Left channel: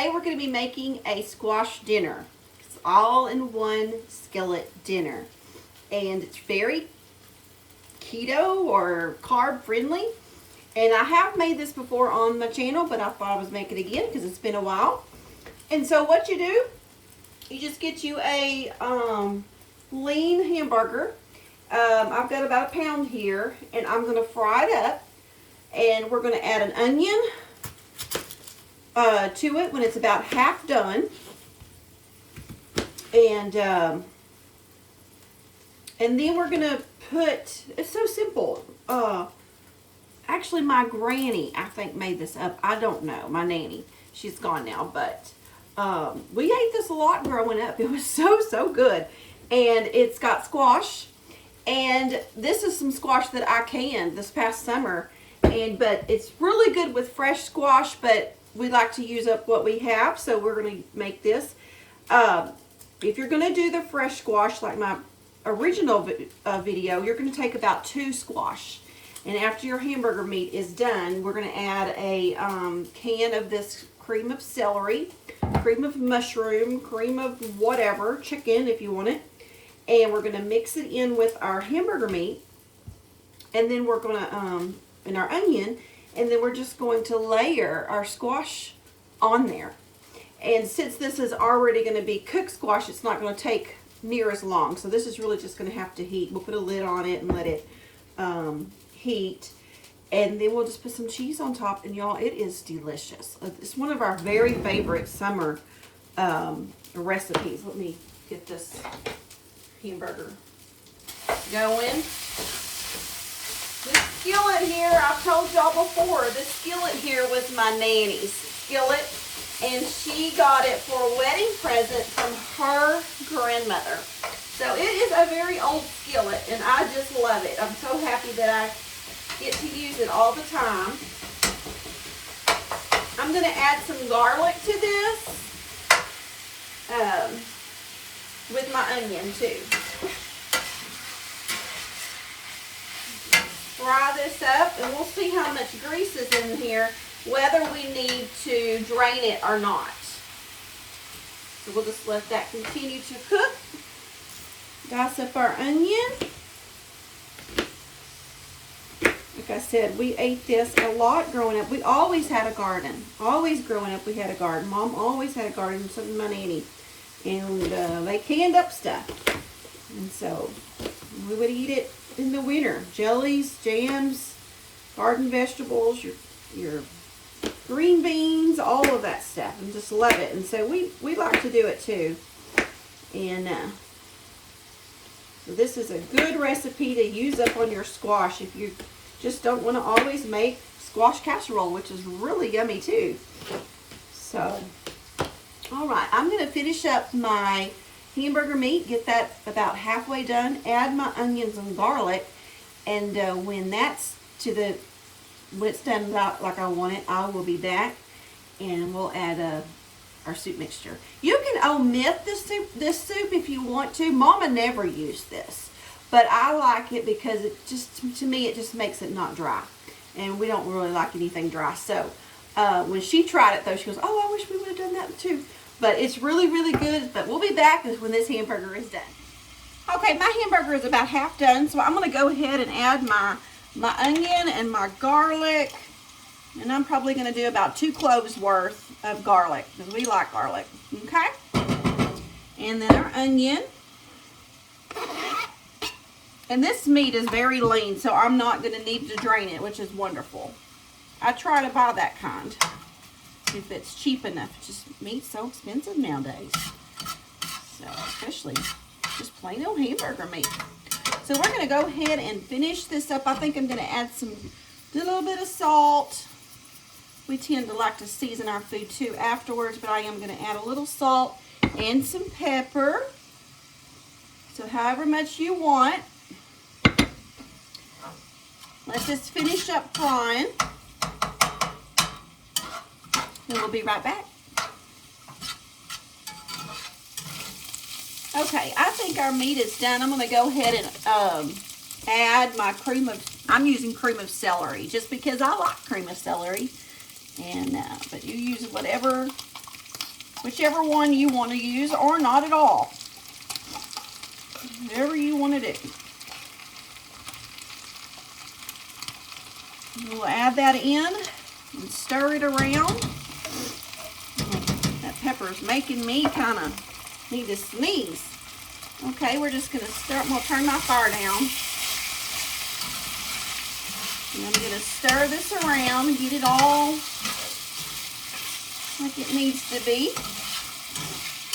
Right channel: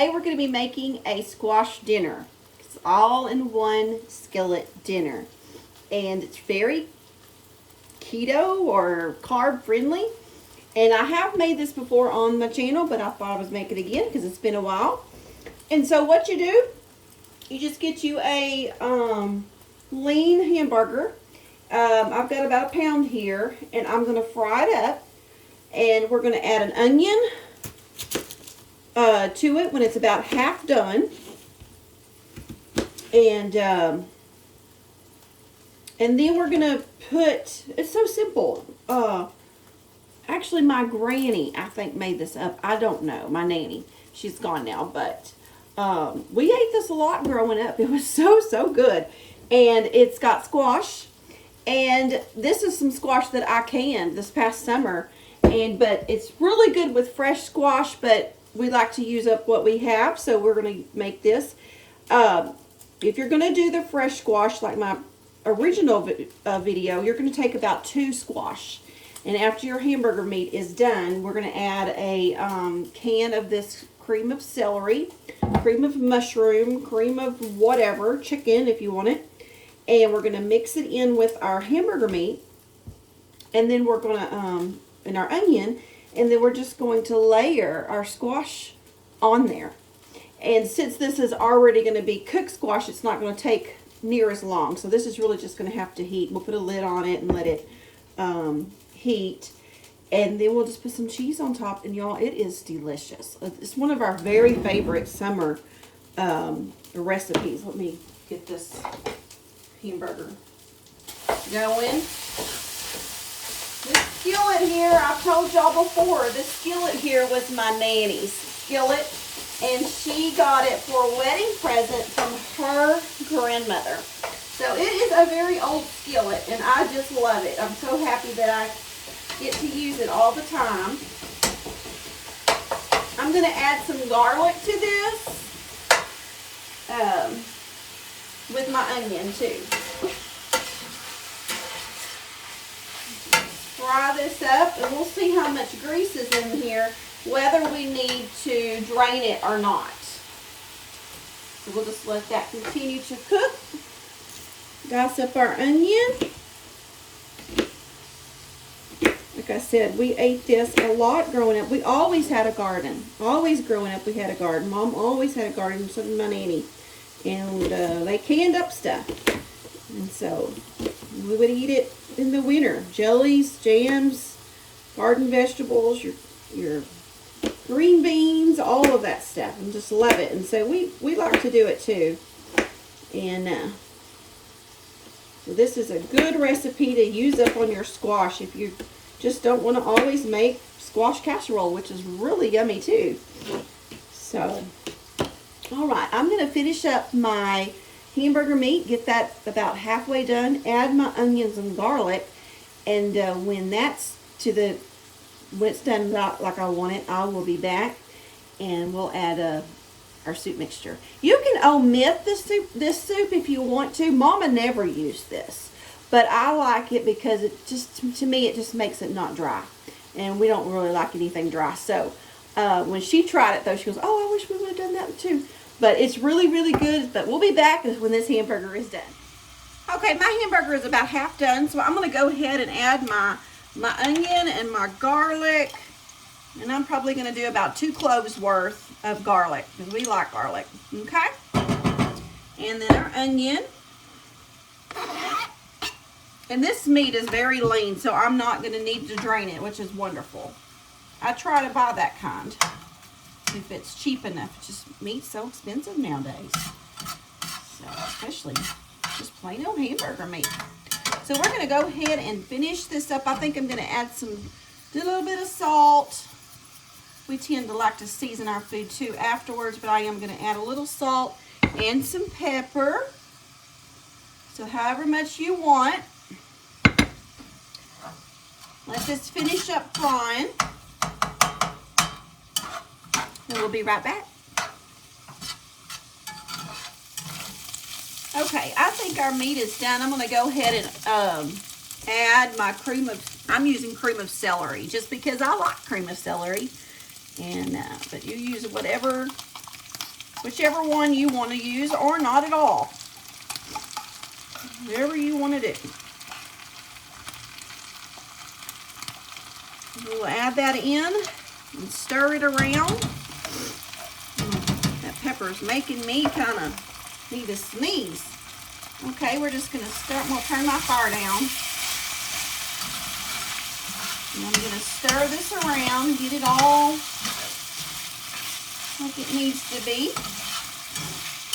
today we're going to be making a squash dinner. It's all in one skillet dinner. And it's very keto or carb friendly. And I have made this before on my channel, but I thought I was making it again because it's been a while. And so what you do, you just get you a lean hamburger. I've got about a pound here, and I'm going to fry it up. And we're going to add an onion to it when it's about half done. And then we're going to put, it's so simple. Actually, my granny, I think, made this up. I don't know. My nanny. She's gone now, but we ate this a lot growing up. It was so good. And it's got squash. And this is some squash that I canned this past summer. But it's really good with fresh squash, but we like to use up what we have, so we're going to make this. If you're going to do the fresh squash, like my original video, you're going to take about 2 squash. And after your hamburger meat is done, we're going to add a can of this cream of celery, cream of mushroom, cream of whatever, chicken if you want it. And we're going to mix it in with our hamburger meat. And then we're going to, and our onion, and then we're just going to layer our squash on there. And since this is already going to be cooked squash, it's not going to take near as long. So this is really just going to have to heat. We'll put a lid on it and let it heat. And then we'll just put some cheese on top. And y'all, it is delicious. It's one of our very favorite summer recipes. Let me get this hamburger going. This skillet here, I've told y'all before, this skillet here was my nanny's skillet. And she got it for a wedding present from her grandmother. So it is a very old skillet, and I just love it. I'm so happy that I get to use it all the time. I'm going to add some garlic to this with my onion too. Fry this up, and we'll see how much grease is in here, whether we need to drain it or not. So we'll just let that continue to cook. Dice up our onion. Like I said, we ate this a lot growing up. We always had a garden. Always growing up we had a garden. Mom always had a garden, so did my nanny. And they canned up stuff. And so we would eat it in the winter. Jellies, jams, garden vegetables, your green beans, all of that stuff, and just love it. And so we like to do it too. And so this is a good recipe to use up on your squash if you just don't want to always make squash casserole, which is really yummy too. So, all right, I'm going to finish up my hamburger meat, get that about halfway done, add my onions and garlic, and when it's done like I want it, I will be back, and we'll add our soup mixture. You can omit this soup if you want to. Mama never used this, but I like it because it just, to me, it just makes it not dry, and we don't really like anything dry. So when she tried it though, she goes, "Oh, I wish we would have done that too." But it's really good. But we'll be back when this hamburger is done. Okay, my hamburger is about half done, so I'm going to go ahead and add my onion and my garlic, and I'm probably going to do about 2 cloves worth of garlic because we like garlic. Okay, and then our onion, and this meat is very lean, so I'm not going to need to drain it, which is wonderful. I try to buy that kind if it's cheap enough. Just meat's so expensive nowadays, so especially just plain old hamburger meat. So we're going to go ahead and finish this up. I think I'm going to add a little bit of salt. We tend to like to season our food too afterwards, but I am going to add a little salt and some pepper. So however much you want. Let this finish up frying. And we'll be right back. Okay, I think our meat is done. I'm going to go ahead and add my I'm using cream of celery just because I like cream of celery. And but you use whatever whichever one you want to use, or not at all. Whatever you want to do. We'll add that in and stir it around. That pepper is making me kind of need to sneeze. Okay, we're just going to start. I'm going to turn my fire down. And I'm going to stir this around and get it all like it needs to be.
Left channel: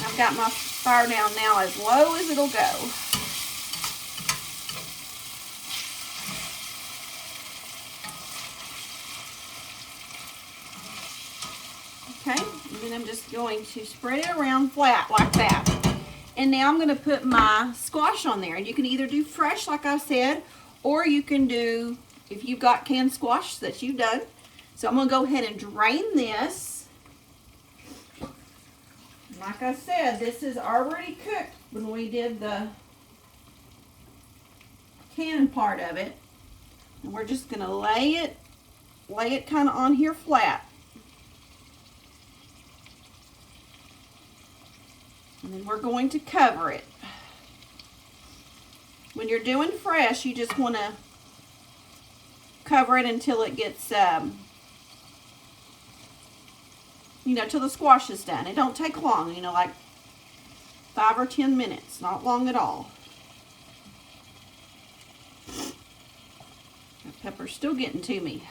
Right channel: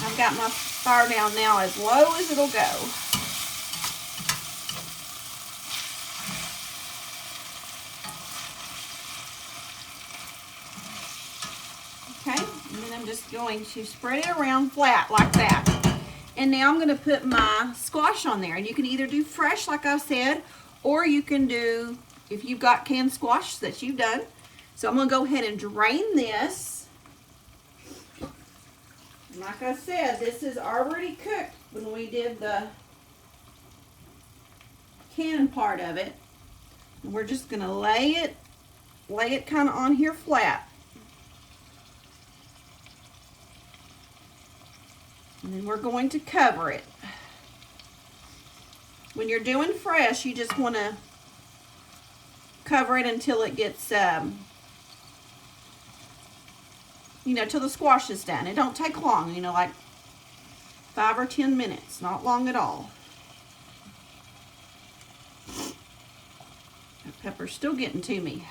I've got my fire down now as low as it'll go. Okay, and then I'm just going to spread it around flat like that. And now I'm going to put my squash on there. And you can either do fresh, like I said, or you can do, if you've got canned squash that you've done. So I'm going to go ahead and drain this. Like I said, this is already cooked when we did the canned part of it. And we're just going to lay it kind of on here flat. And then we're going to cover it. When you're doing fresh, you just want to cover it until it gets, till the squash is done. It don't take long, like 5 or 10 minutes. Not long at all. That pepper's still getting to me.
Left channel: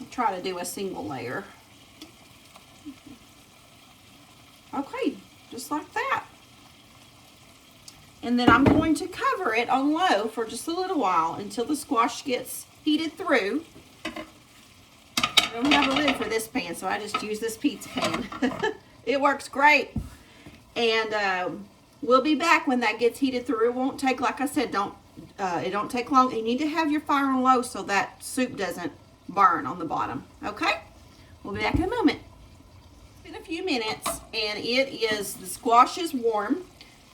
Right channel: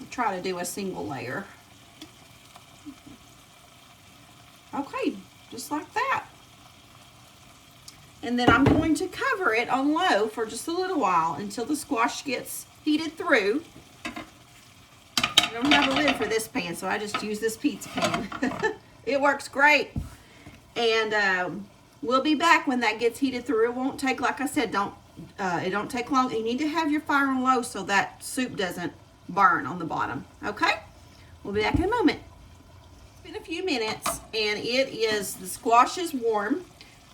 I'll try to do a single layer. Okay, just like that. And then I'm going to cover it on low for just a little while until the squash gets heated through. I don't have a lid for this pan, so I just use this pizza pan. It works great. And we'll be back when that gets heated through. It won't take, like I said, it don't take long. You need to have your fire on low so that soup doesn't burn on the bottom. Okay? We'll be back in a moment. In a few minutes, and the squash is warm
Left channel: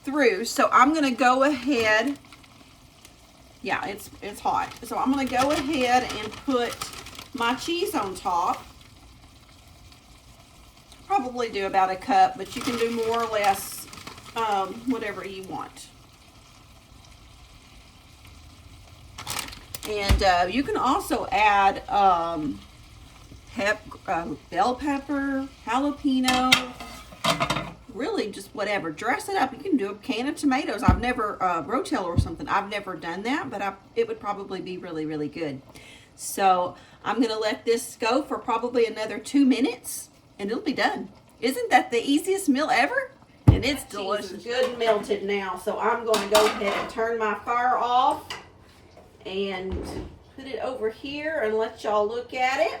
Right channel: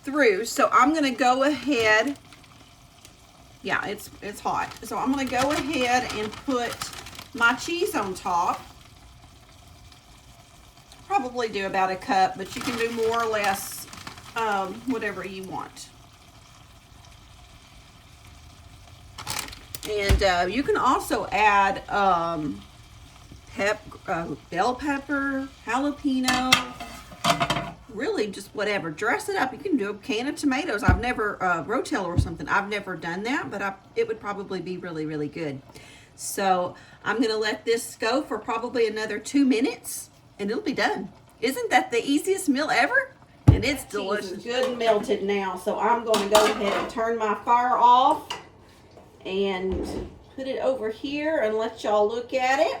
through, so I'm going to go ahead, yeah, it's hot, so I'm going to go ahead and put my cheese on top. Probably do about a cup, but you can do more or less, whatever you want. And you can also add bell pepper, jalapeno, really just whatever. Dress it up. You can do a can of tomatoes. I've never, rotel or something. I've never done that, but it would probably be really, really good. So I'm going to let this go for probably another 2 minutes, and it'll be done. Isn't that the easiest meal ever? And it's delicious. It's good and melted now, so I'm going to go ahead and turn my fire off and put it over here and let y'all look at it.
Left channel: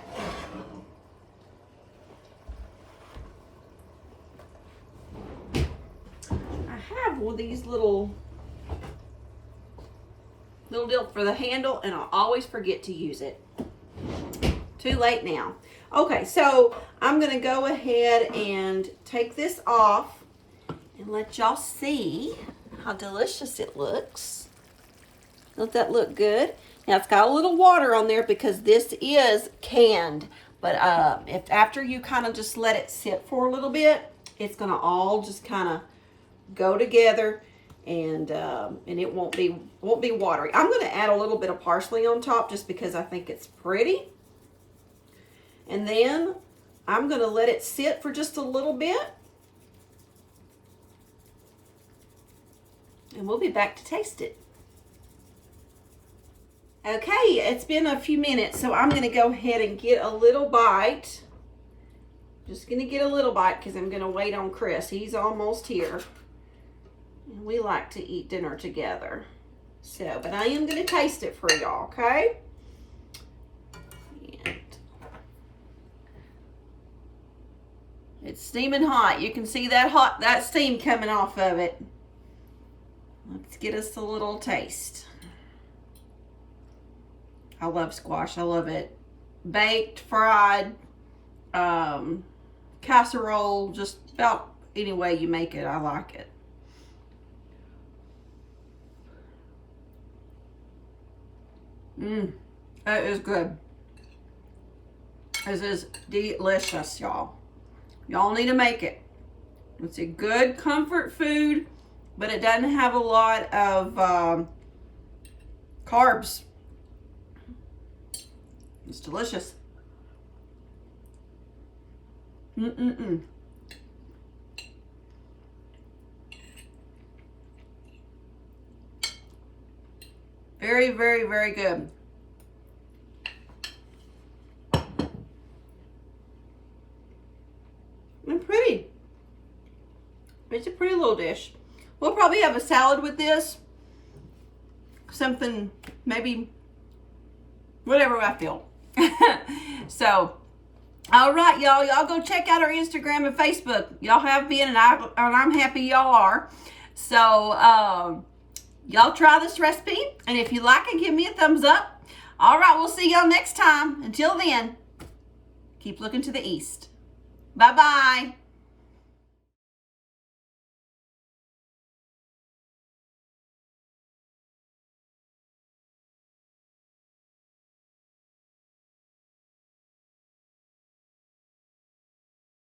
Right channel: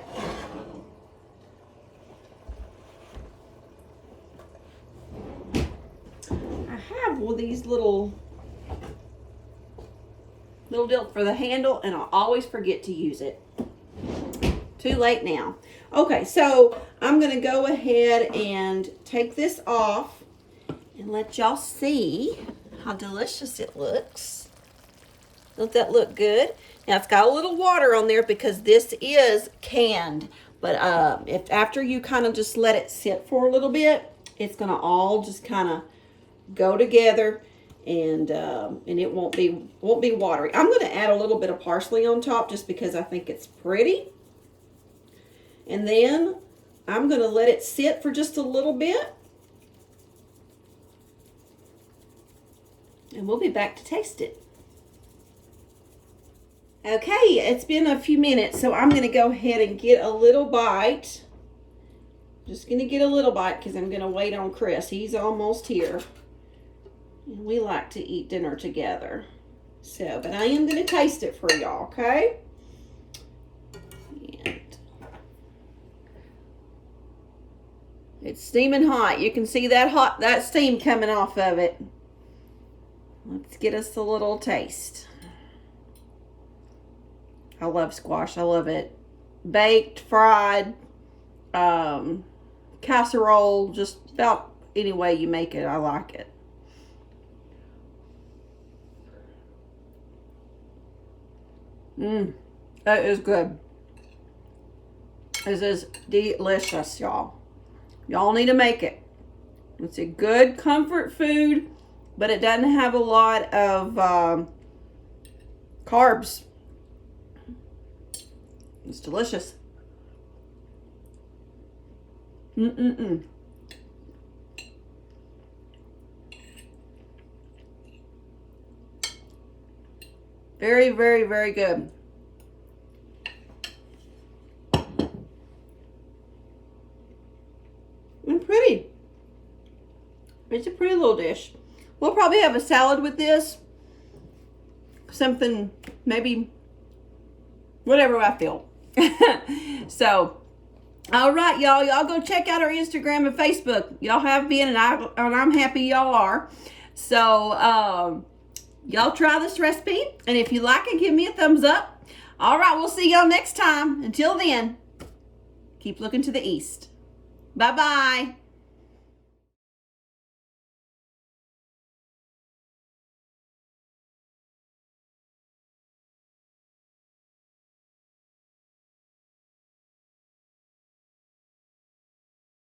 I have one of these little deal for the handle, and I always forget to use it. Too late now. Okay, so I'm going to go ahead and take this off and let y'all see how delicious it looks. Don't that look good? Now it's got a little water on there because this is canned, but if after you kind of just let it sit for a little bit, it's going to all just kind of go together, and it won't be watery. I'm going to add a little bit of parsley on top just because I think it's pretty. And then I'm going to let it sit for just a little bit. And we'll be back to taste it. Okay, it's been a few minutes, so I'm going to go ahead and get a little bite. Just going to get a little bite because I'm going to wait on Chris. He's almost here. And we like to eat dinner together. So, but I am going to taste it for y'all, okay? And it's steaming hot. You can see that steam coming off of it. Let's get us a little taste. I love squash. I love it. Baked, fried, casserole, just about any way you make it, I like it. That is good. This is delicious, y'all. Y'all need to make it. It's a good comfort food, but it doesn't have a lot of carbs. It's delicious. Very, very, very good. And pretty. It's a pretty little dish. We'll probably have a salad with this. Something, maybe, whatever I feel. So, all right, y'all. Y'all go check out our Instagram and Facebook. Y'all have been, and I'm happy y'all are. So, y'all try this recipe, and if you like it, give me a thumbs up. All right, we'll see y'all next time. Until then, keep looking to the east. Bye-bye.